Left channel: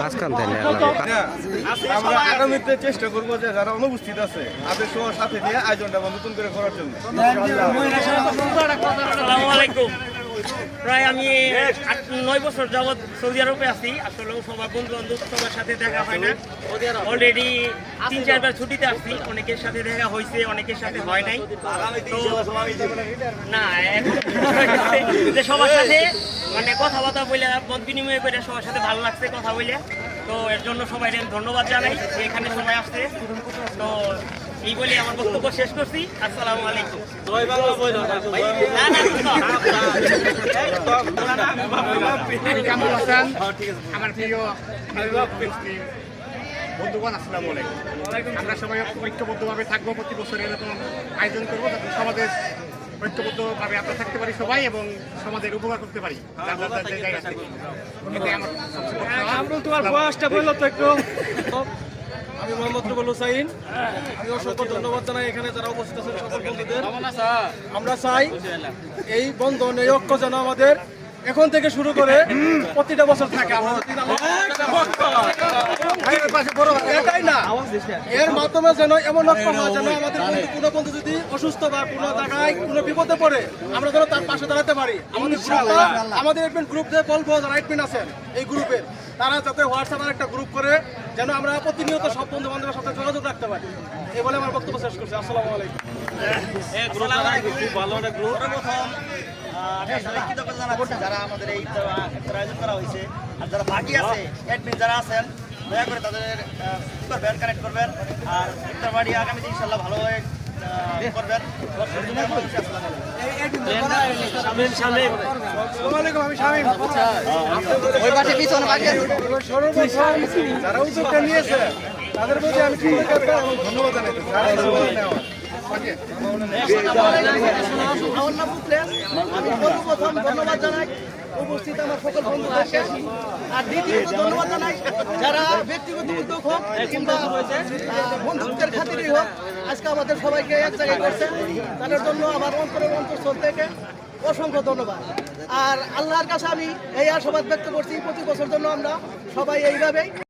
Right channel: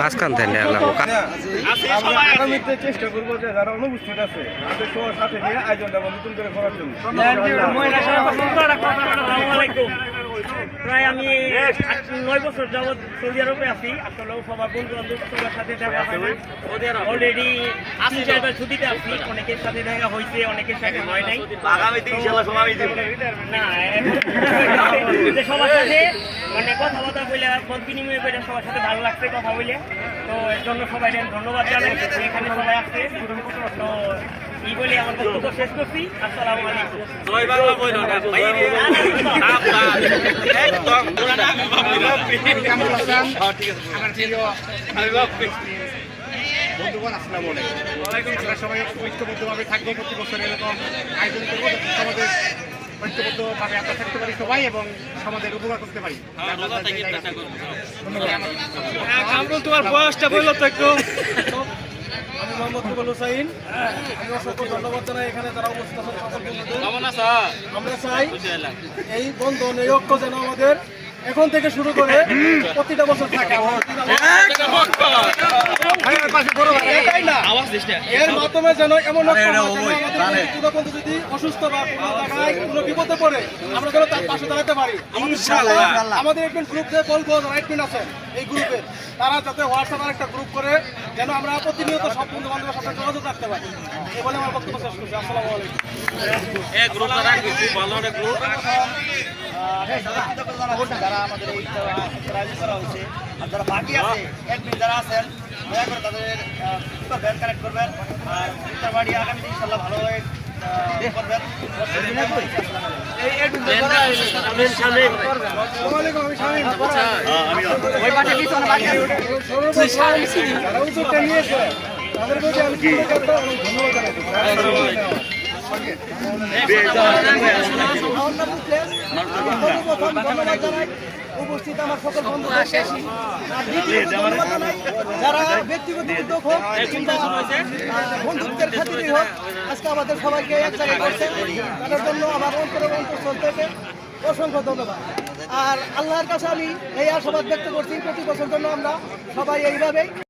মাঝখান থেকে আগামীতে চেষ্টা করবো যে যারা অনুপস্থিত আছে তাদের সবার সাথে নিয়ে আয়োজনটা নতুন করে করার জন্য। প্রায় আমি 8-9 বছর যাবৎ সৌদি আরবে আছি। আসলে সবার বন্ধু বান্ধব সবার সাথে দেখা হয় না। অলরেডি 3-4 বার ছুটিতে আসছি, অনেকের সাথে দেখা হয়েছে, অনেকের সাথে হয় নাই। না এখন সবার সাথে মানে কথাবার্তা বলে মত বিনিময় করে সবার সাথে ভালো লাগছে কথা বলে। তো এর জন্য সবাই ধন্যবাদ জানাই যে এখানে সবাই আসছে। তো এই বলে আমার বক্তব্য শেষ করছি। আসসালামু আলাইকুম। বন্ধুগণ আসসালামু আলাইকুম। আমরা সবাই ঐক্যবদ্ধভাবে থাকবো, প্রতি বছর এরকম আয়োজন করবো যাতে সমাজের ঐক্যবদ্ধভাবে আমরা থাকতে পারি সবাই এবং সমাজের উপকার করতে পারি। তোমার বয়সটা বললো তো একটু। আমি মোহাম্মদ রুবেল হুসাইন। আমি অসংখ্য ধন্যবাদ জানাই এখানে যারা উপস্থিত আছেন সকল বন্ধুদের। আমরা চাই এই বন্ধন, এই ঐক্য যেন আমাদের এখন থেকে শুরু করে প্রতিটা বছর থাকে। এটাই না, এর মাধ্যমে যেন এমন ঐক্য হয় যেন আমাদের কোনো বন্ধু যদি অসুস্থ বা কোনো জায়গায় কোনো বিপদে পড়ে আমরা যেন তার পাশে দাঁড়াতে পারি। আমাদের একজন গ্রুপ দিয়ে বলবো যারা একজন আছেন এই গ্রুপের, তারা যাতে হোয়াটসঅ্যাপের একটা গ্রুপ করে যেন আমরা প্রতিনিয়ত সব বন্ধু বান্ধবের সাথে যোগাযোগ রাখতে পারি। এই বলে আমার বক্তব্য শেষ করছি। আসসালামু আলাইকুম। যারা আমাদের এই আয়োজন করা হয়েছে আর যারা বাকি আছে অ্যাডমিন যারা আছেন দয়া করে তাদের করবেন, কানেক্ট করবেন। আর ইফতার বাড়ি আগামীতে ইনশাল্লাহ ভালোভাবে করবেন। আমি শামীম। যারা উদ্যোগটা নিয়েছে তাদের প্রতি আমি ধন্যবাদ জানাই। ধন্যবাদ জানাই উপস্থিত আমার সকল বন্ধুদেরকে। আর দ্বিতীয়ত ধন্যবাদ জানাই যারা ব্যক্তিগত উদ্যোগ হোক কিংবা বন্ধুত্বের খাতিরেই হোক আজকে আমাদের সবাইকে এক জায়গায় করছেন, তাদের জন্য আমার অন্তঃস্থল থেকে অসংখ্য ধন্যবাদ। আর আল্লাহর কাছে আমি এই আশাবাদ ব্যক্ত করছি প্রতি বছর জন্য আমরা সবাই এইভাবেই